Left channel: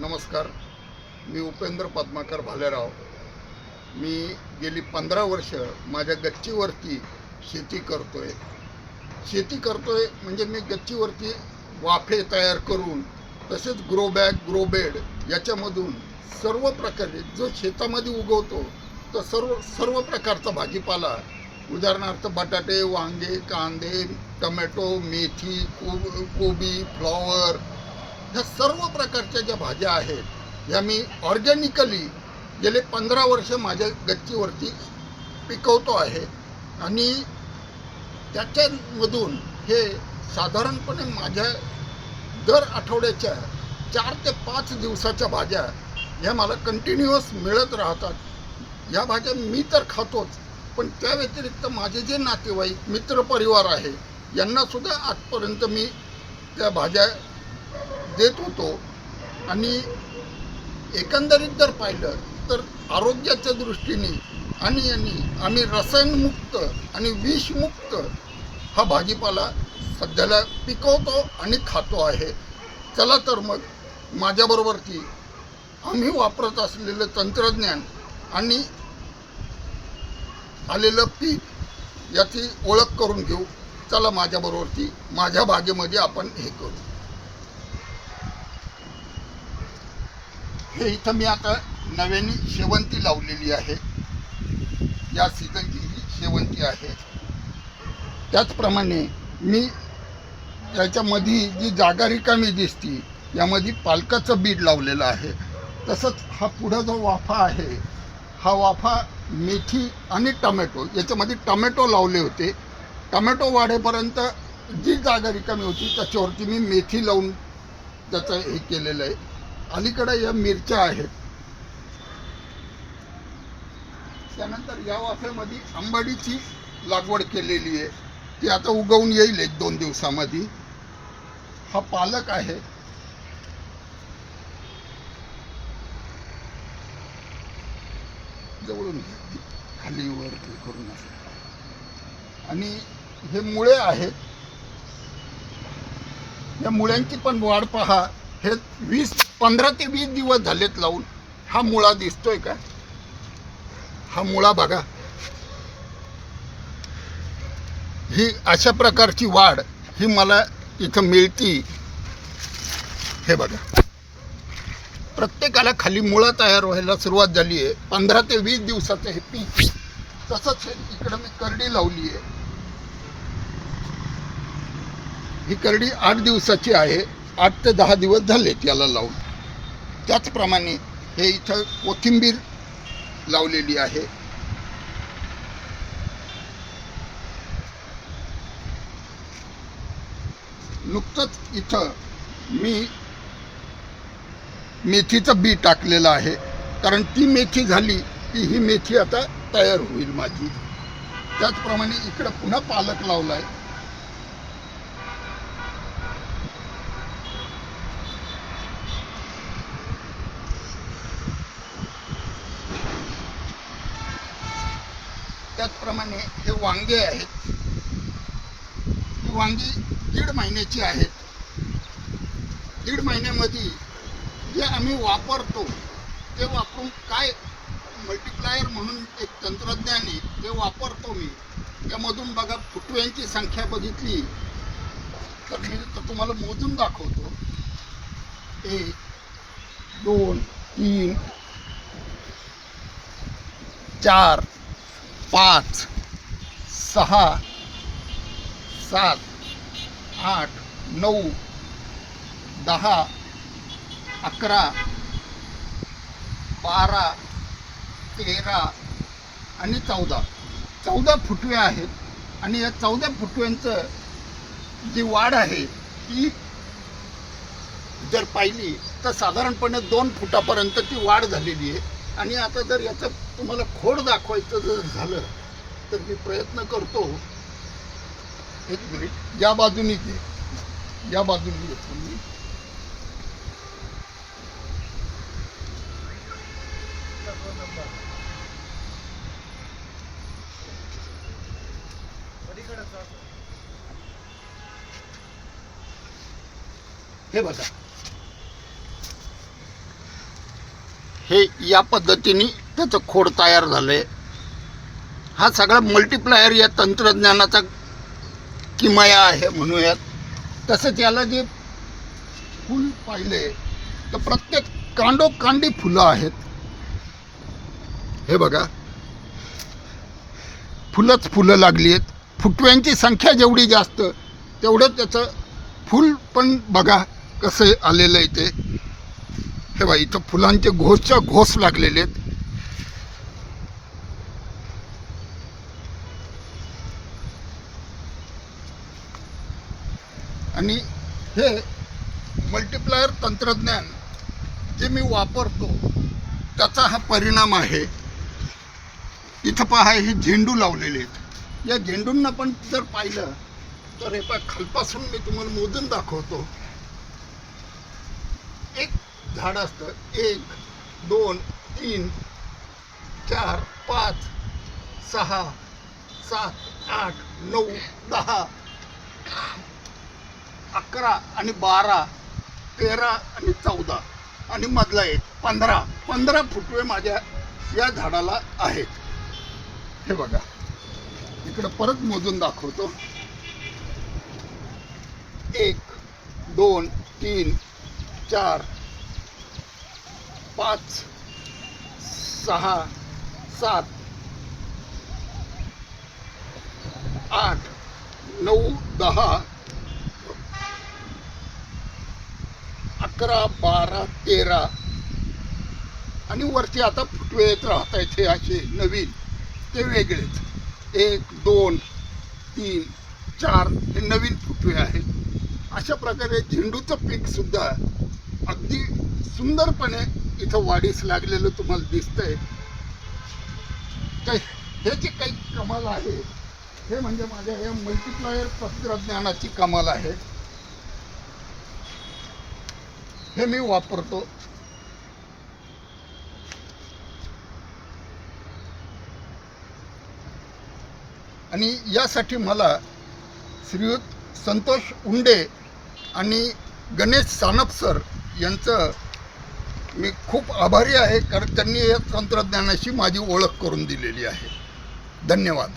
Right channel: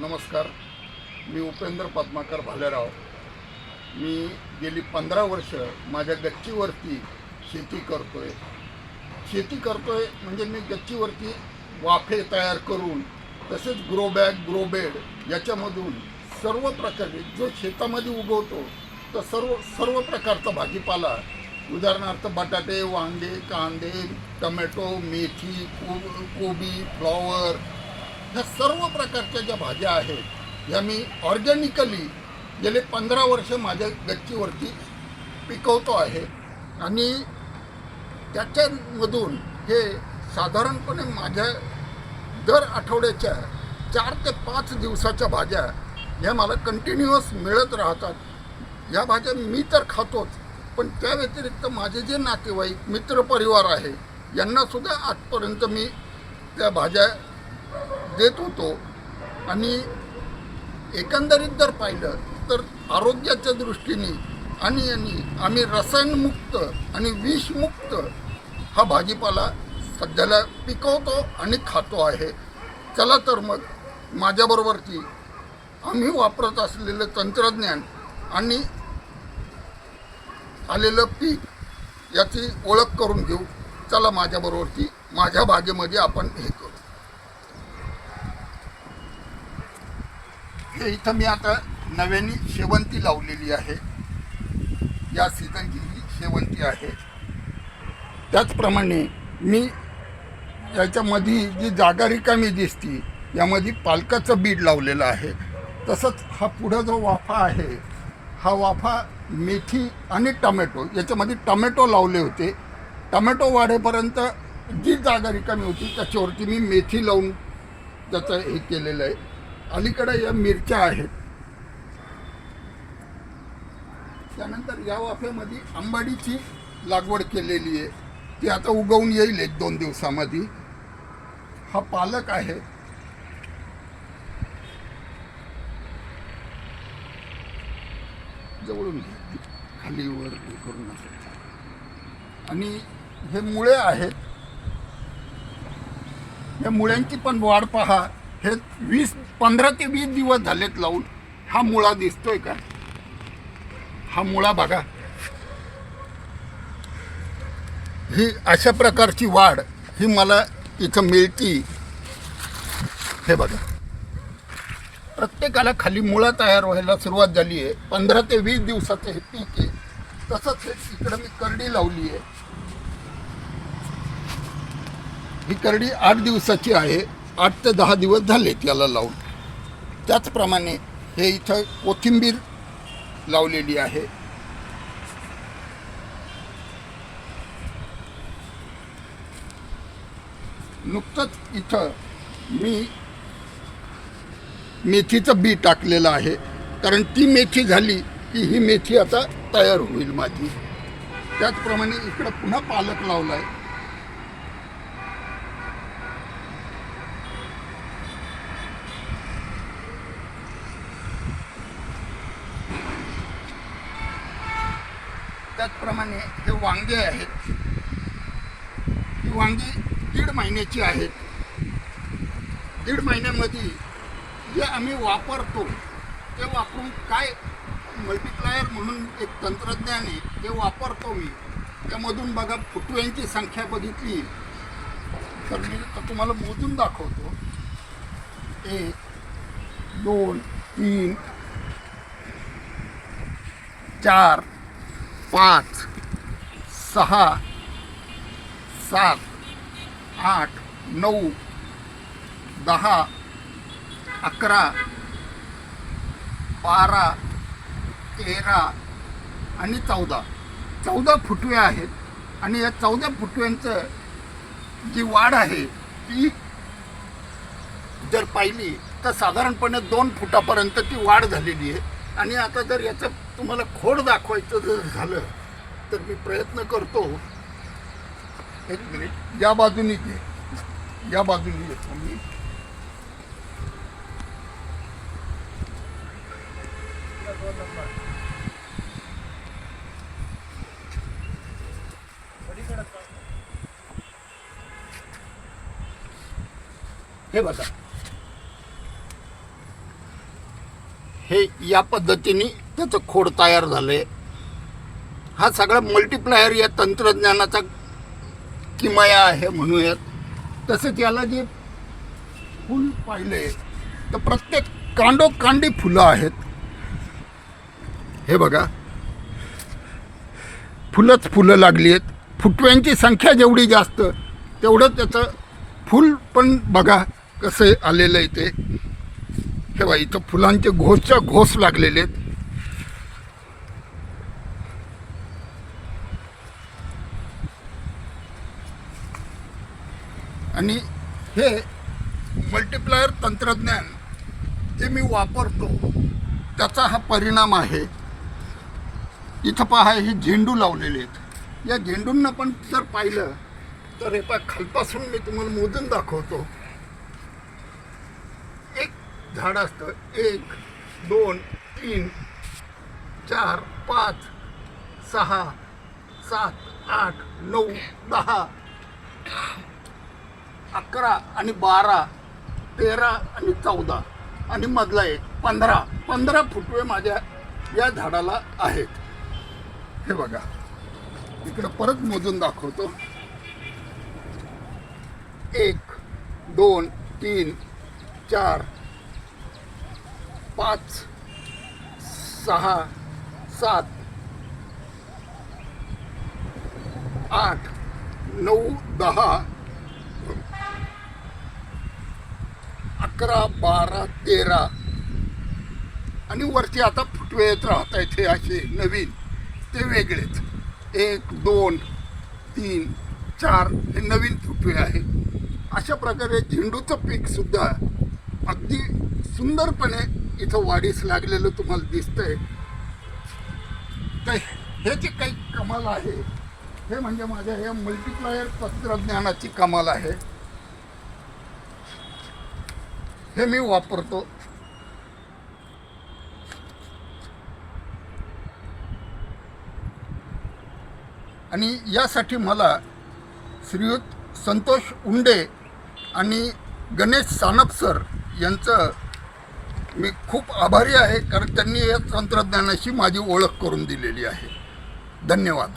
नमस्कार. मी उपेंद्र पद्माकर भालेराव. मी गेली पंधरा वर्ष माझ्या गच्चीवरती शेती करतो आहे शेती करतो आहे म्हणजे मी गच्चीवरती वाफे तयार करून तसेच ग्रो बॅग ग्रो बेड याच्यामधून सर्व प्रकारे जो शेतामध्ये उगवतो तर सर्व सर्व प्रकारचा भाजीपाला उदाहरणार्थ बटाटे वांगे कांदे टमॅटो मेथी को कोबी फ्लॉवर ह्या सर्व प्रकारच्या ज्या भाज्या आहेत ह्या मी ऑर्गॅनिकली गेले पंधरा वर्ष माझ्या गच्चीवरती पिकवतो आहे. आणि त्याच्यामधून हे साधारणपणे माझ्या दर आठवड्याच्या चार ते पाच दिवसाच्या भाज्या ह्या मला कंटिन्युअस मिळत राहतात. या भाज्या मी तर खातोच पण त्या व्यतिरिक्त माझे जे नातेवाईक मित्रपरिवार आहे यांनासुद्धा आजपर्यंत मी त्या भाज्या देत होतो आणि एकंदरीत जर पाहिलं तर आरोग्याच्या दृष्टीने आणि आणि आम्ही रसायनमुक्त आणि विषमुक्त हा भाजीपाला सध्याला पिकवतो आणि खातो आहे. चला तर मग माझ्याबरोबरची आम्ही वापरत असलेलं तंत्रज्ञान आणि आलेलं पीक याची ओळख करून घेऊ. चला माझ्याबरोबरची माझ्या बागेमध्ये आपण हे करू. हे इथं मी आता नव्याने शेवंती लावलेली आहे. या सीझनची ही शेवंती आहे. त्याचप्रमाणे मी याच्यामध्ये जी जागा रिकामी दिसती यामध्ये पालकाचं बीड लावलेलं आहे. तसंच हा पुढं जो वाफा आहे हा वाफा मेथी आणि टमॅटो याच्यामध्ये टमॅटो लावले होते. टमॅटो वाढेपर्यंत जी जागा रिकामी होती त्याच्यावरती मी मेथी लावून त्याचं हे केलेलं आहे. अलीकडे या मिरच्या आहेत. त्यानंतर या वाफेमध्ये आंबाडीची लागवड केलेली आहे. ती आता उगवून येईल एक दोन दिवसामध्ये. हा पालक आहे. जवळून घे. खाली वर हे करून आणि हे मुळे आहेत. या मुळ्यांची पण वाढ पहा. हे वीस पंधरा ते वीस दिवस झालेत लावून. हा मुळा दिसतोय का? हा मुळा बघा. ही अशा प्रकारची वाढ ही मला इथं मिळती. हे बघा. प्रत्येकाला खाली मुळं तयार व्हायला सुरुवात झाली आहे. पंधरा ते वीस दिवसाचं हे पीक. तसंच हे इकडं मी करडी लावली आहे. ही करडी आठ दिवसाची आहे. आठ ते दहा दिवस झाले याला लावून. त्याचप्रमाणे हे इथं कोथिंबीर लावलेली आहे. नुकतंच इथं मी मेथीचं बी टाकलेलं आहे. कारण ती मेथी झाली की ही मेथी आता तयार होईल माझी. त्याचप्रमाणे इकडं पुन्हा पालक लावला आहे त्याचप्रमाणे हे वांगे आहेत ही वांगी दीड महिन्याची आहेत दीड महिन्यामध्ये जे आम्ही वापरतो ते वापरून काय मल्टिप्लायर म्हणून एक तंत्रज्ञान आहे ते वापरतो मी. त्यामधून बघा फुटव्यांची संख्या बघितली. तर मी तुम्हाला मोजून दाखवतो. एक दोन तीन चार पाच सहा सात आठ नऊ दहा अकरा बारा तेरा आणि चौदा. चौदा फुटवे आहेत आणि या चौदा फुटव्यांचं जी वाढ आहे ती जर पाहिली तर साधारणपणे दोन फुटापर्यंत ती वाढ झालेली आहे. आणि आता जर याचं तुम्हाला खोड दाखवायचं जर झालं तर मी प्रयत्न करतो. एक मिनिट. या बाजूनी घे. या बाजूनी येतो मी हे बघा. हे या पद्धतीने त्याचं खोड तयार झालं आहे हा सगळा मल्टिप्लायर या तंत्रज्ञानाचा किमया आहे म्हणूयात. तसंच याला जे फूल पाहिले तर प्रत्येक कांडोकांडी फुलं आहेत. हे बघा. फुलंच फुलं लागली आहेत फुटव्यांची संख्या जेवढी जास्त तेवढं त्याचं फूल पण बघा कसं आलेलं आहे ते. हे बा इथं फुलांचे घोसच्या घोस लागलेले आहेत. आणि हे मल्टिप्लायर तंत्रज्ञान जे मी वापरतो त्याचा हा परिणाम आहे. इथं पहा हे झेंडू लावलेले आहेत. या झेंडूंना पण जर पाहिलं तर हे पहा खालपासून मी तुम्हाला मोजून दाखवतो. झाड असतं. एक दोन तीन चार पाच सहा सात आठ नऊ दहा अकरा आणि बारा तेरा आणि चौदा आणि मधला एक पंधरा. पंधरा फुटवे माझ्या या झाडाला आहेत. हे बघा. इकडं परत मोजून दाखवतो. एक दोन तीन चार पाच सहा सात आठ नऊ दहा अकरा बारा तेरा. आणि वरती आता फुटवे येत राहत आहेत हे असे नवीन ते वेगळेच. एक दोन तीन चार हे नवीन फुटवे आहेत. अशा प्रकारे झेंडूचं पीकसुद्धा अगदी सुंदरपणे इथं वाढीस लागलेलं तुम्हाला दिसतंय. तर हे जे काही कमाल आहे हे म्हणजे माझ्या या मल्टिप्लायर तंत्रज्ञानाची कमाल आहे. हे मी वापरतो. आणि यासाठी मला श्रीयुत संतोष उंडे आणि गणेश सानप सर यांचं मी खूप आभारी आहे कारण त्यांनी या तंत्रज्ञानाशी माझी ओळख करून दिलेली आहे. धन्यवाद.